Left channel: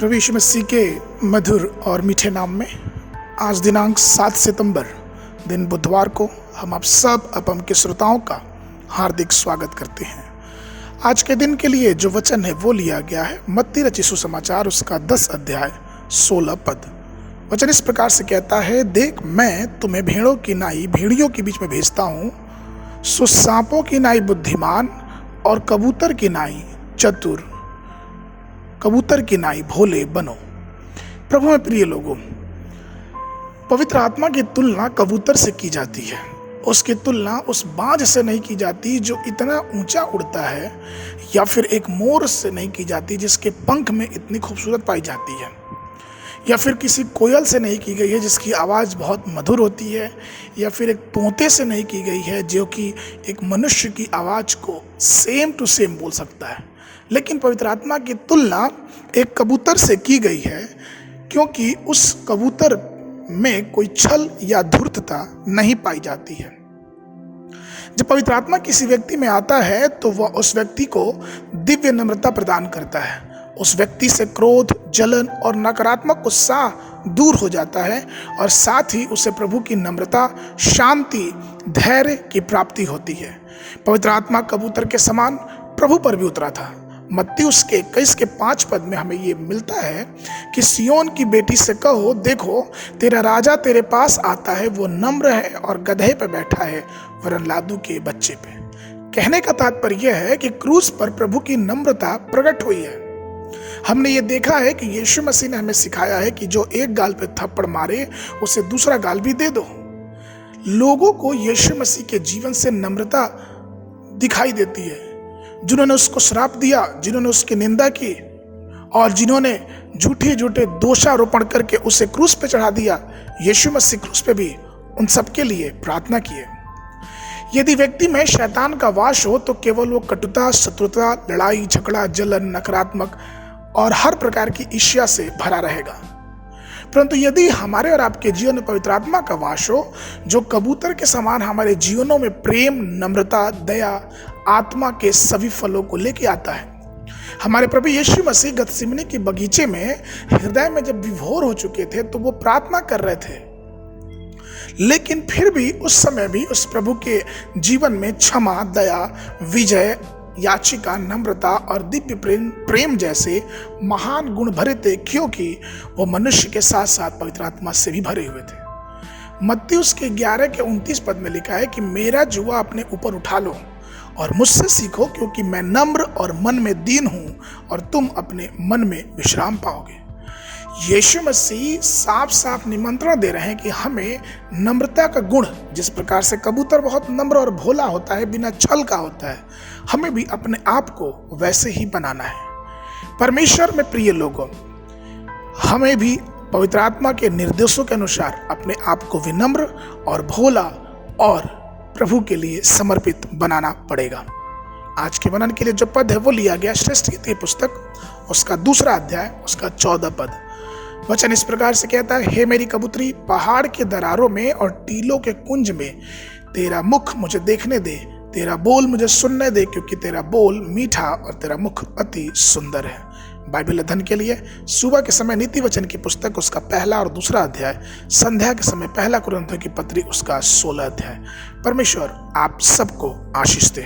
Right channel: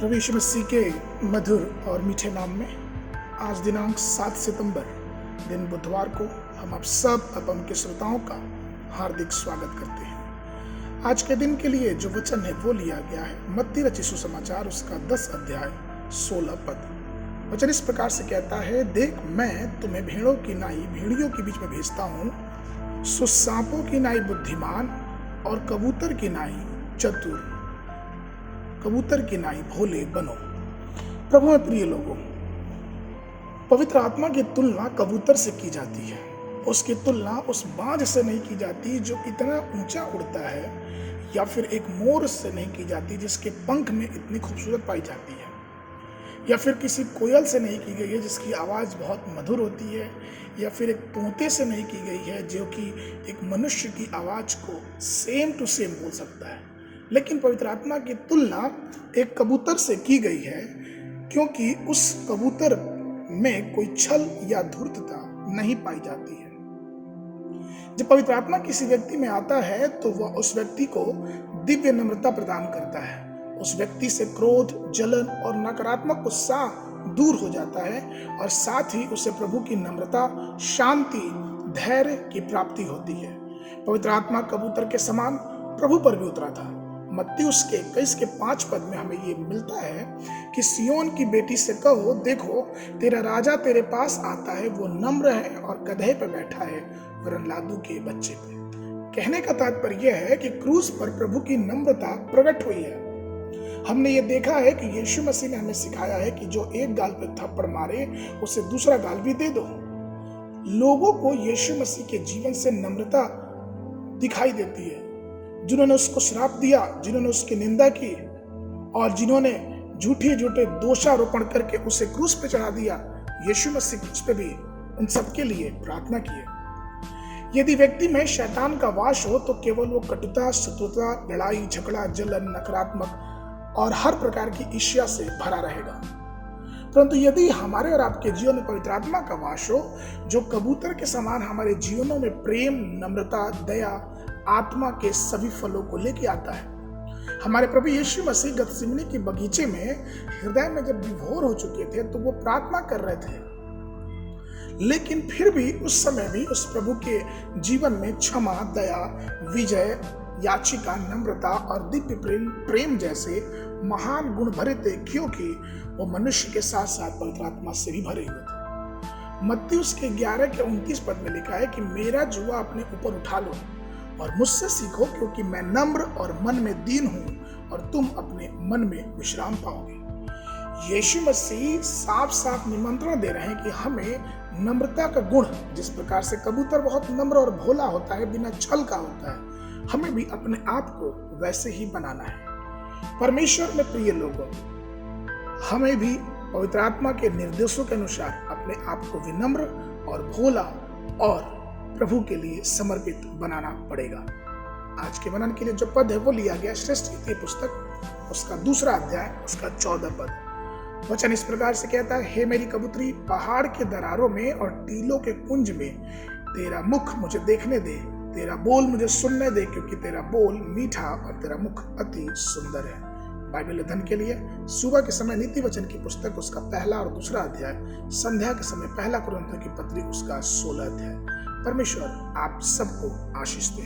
प्रभु यीशु मसीह के मधुर और मीठे नाम में आज दिनांक 7 सितंबर दिन बुधवार को हम आप सब अपम के श्रोताओं का हार्दिक स्वागत करते हैं। आज के दिन के लिए जो वचन है वो लिया गया है मत्ती रचित सुसमाचार उसका 10 अध्याय 16 पद। वचन इस प्रकार से कहता है, देख मैं तुम्हें भेड़ों की नाई भेड़ियों के बीच में भेजता हूँ, सो सांपों की नाई बुद्धिमान और कबूतर की नाई चतुर, कबूतर की नाई भोले बनो। प्रभु में प्रिय लोगों, पवित्र आत्मा की तुलना कबूतर से की जाती है। उसकी तुलना उस बाज से नहीं की जाती जो इतना ऊंचा उड़ता है, या फिर एक मोर से नहीं की जाती जिसके पंख में इतनी खूबसूरत पाई जाती है, या फिर किसी कोयल से नहीं की गई है जिसकी आवाज़ बहुत मधुर होती है, या फिर एक तोते से नहीं की गई है जो कि एक मनुष्य की आवाज़ को सेम टू सेम बोल सकता है। लेकिन पवित्र आत्मा की तुलना एक कबूतर से की गई है, क्योंकि उस कबूतर में कोई छल या धूर्तता नहीं पाई जाती है। जब पवित्र आत्मा किसी व्यक्ति में आता है तो वह उस व्यक्ति को दिव्य नम्रता प्रदान करता है। उस व्यक्ति से क्रोध, जलन और नकारात्मक उत्साह दूर हो जाता है, और साथ ही उसे प्रभु की नम्रता, शांति, धैर्य की प्राप्ति होती है। पवित्र आत्मा कबूतर के समान प्रभु पर भी उतरा था। मत्ती उसके 21 के 5 पद में हमें ये मिलता है कि सियोन की बेटी से कहो, देखो तेरा राजा तेरे पास आता है, वो नम्र है और गधे पे बैठा है, वरन लादू के बच्चे पे। कहने का तात्पर्य यह है कि क्रूस पर प्रभु की नम्रता प्रकट हुई है। हमने ये देखा है कि यीशु मसीह ने हमें सिखाया है कि जो एक गाल पे थप्पड़ मारे उसे दूसरा गाल भी दे दो। लोगों को यीशु मसीह के जीवन से नम्रता दिखाई देती है। जिन्होंने उसको श्राप दिया, जिन्होंने उसकी निंदा की, और जिन्होंने झूठे दोषारोपण करके उसे क्रूस पे चढ़ा दिया, यीशु मसीह क्रूस पे भी उन सबके लिए प्रार्थना किए। यदि व्यक्ति में शैतान का वास हो तो केवल वो कटुता, शत्रुता, लड़ाई झगड़ा, जलन, नकारात्मक और हर प्रकार की ईर्ष्या से भरा रहेगा। परंतु यदि हमारे और आपके जीवन में पवित्र आत्मा का वास हो, जो कबूतर के समान हमारे जीवनों में प्रेम, नम्रता, दया, आत्मा के सभी फलों को लेके आता है। हमारे प्रभु यीशु मसीह गतसिमनी के बगीचे में हृदय में जब विभोर हो चुके थे तो वो प्रार्थना कर रहे थे, लेकिन फिर भी उस समय भी उस प्रभु के जीवन में क्षमा, दया, विजय, याचिका, नम्रता और दिव्य प्रेम जैसे महान गुण भरे थे, क्योंकि वो मनुष्य के साथ साथ पवित्र आत्मा से भी भरे हुए थे। मत्ती उसके 11 के 29 पद में लिखा है कि मेरा जुआ अपने ऊपर उठा लो और मुझसे सीखो, क्योंकि मैं नम्र और मन में दीन हूं, और तुम अपने मन में विश्राम पाओगे। यीशु मसीह साफ साफ निमंत्रण दे रहे हैं कि हमें नम्रता का गुण, जिस प्रकार से कबूतर बहुत नम्र और भोला होता है, बिना छल का होता है, हमें भी अपने आप को वैसे ही बनाना है। परमेश्वर में प्रिय लोगों, हमें भी पवित्र आत्मा के निर्देशों के अनुसार अपने आप को विनम्र और भोला और प्रभु के लिए समर्पित बनाना पड़ेगा। आज के वर्णन के लिए जो पद है वो लिया गया श्रेष्ठ गीत की पुस्तक उसका 2 अध्याय उसका 14 पद। वचन इस प्रकार से कहता है, हे मेरी कबूतरी, पहाड़ के दरारों में और टीलों के कुंज में तेरा मुख मुझे देखने दे, तेरा बोल मुझे सुनने दे, क्योंकि तेरा बोल मीठा और तेरा मुख अति सुंदर है। बाइबल अध्ययन के लिए सुबह के समय नीति वचन की पुस्तक उसका 1 और 2 अध्याय, संध्या के समय 1 कुरिन्थियों की पत्री उसका 16 अध्याय। परमेश्वर आप सबको आशीष दे।